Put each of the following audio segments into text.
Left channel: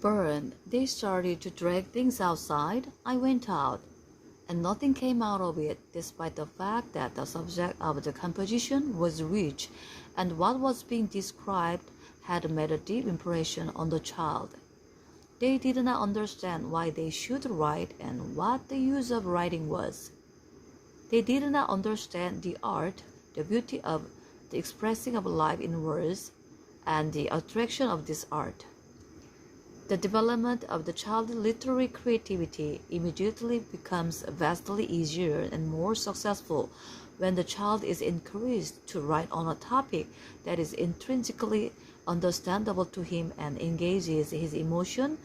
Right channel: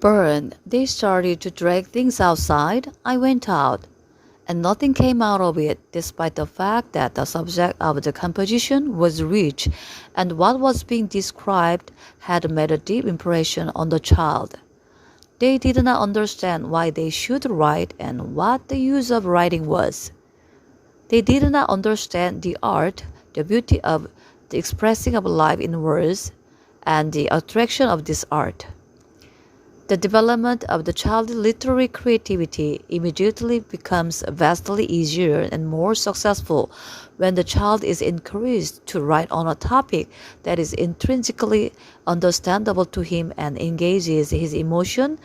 Burn, they started to drag things outside. I went out, and nothing came out of it, despite the fact that the subject of the composition was rich and what was being described had made a deep impression on the child. They did not understand why they should write and what the use of writing was. They did not understand the art, the beauty of the expressing of life in words, and the attraction of this art. The development of the child's literary creativity immediately becomes vastly easier and more successful when the child is encouraged to write on a topic that is intrinsically understandable to him and engages his emotion,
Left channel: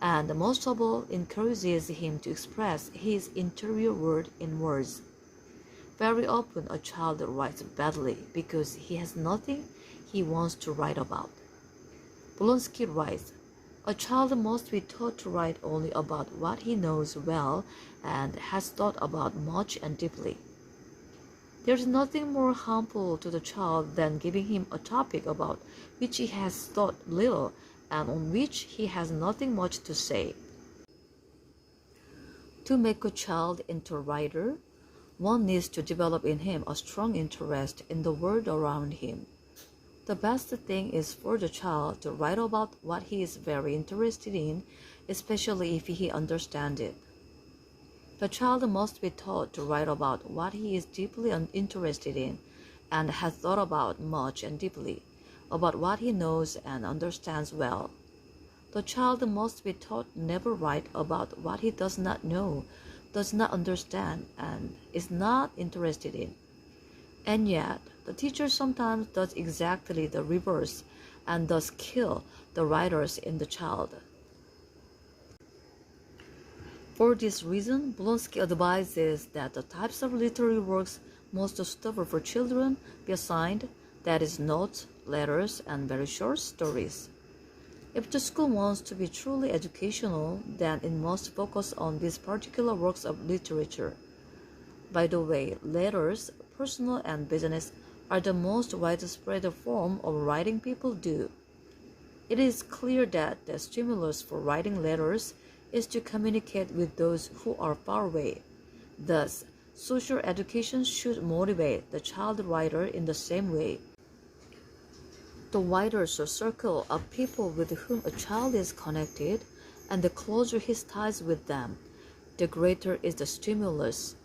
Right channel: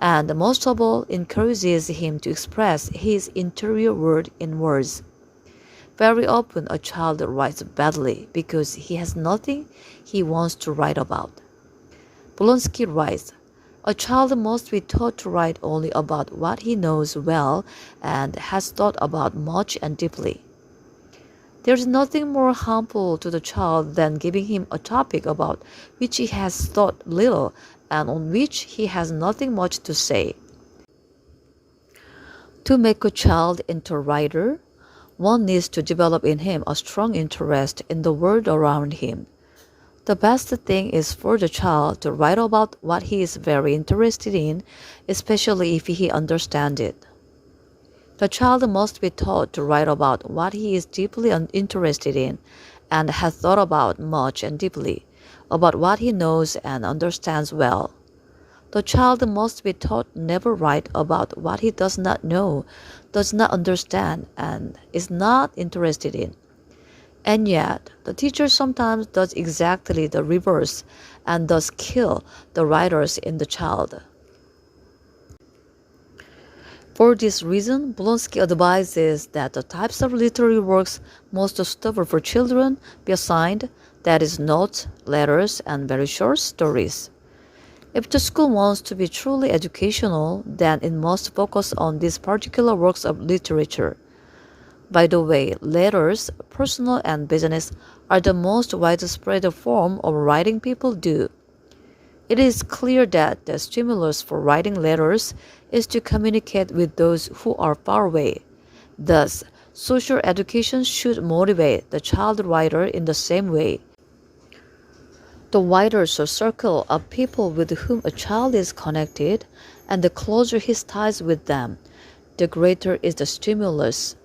and most of all, encourages him to express his interior world in words. Very often, a child writes badly because he has nothing he wants to write about. Blonsky writes, a child must be taught to write only about what he knows well and has thought about much and deeply. There is nothing more harmful to the child than giving him a topic about which he has thought little and on which he has nothing much to say. To make a child into a writer, one needs to develop in him a strong interest in the world around him. The best thing is for the child to write about what he is very interested in, especially if he understands it. The child must be taught to write about what he is deeply interested in and has thought about much and deeply, about what he knows and understands well. The child must be taught never write about what he does not know, does not understand, and is not interested in. And yet, the teacher sometimes does exactly the reverse and thus kill the writers in the child. For this reason, Blonsky advises that the types of literary works most suitable for children be assigned, that is, notes, letters, and very short stories. If the school wants to be truly educational, then it must focus on these particular works of literature. By the way, letters, personal and business, are the most widespread form of writing people do. It is clear that the stimulus for writing letters is to communicate with those who are far away. Thus, social education should motivate the child writer in the same way. The wider the circle of people with whom a child is connected, and the closer his ties with them, the greater is the stimulus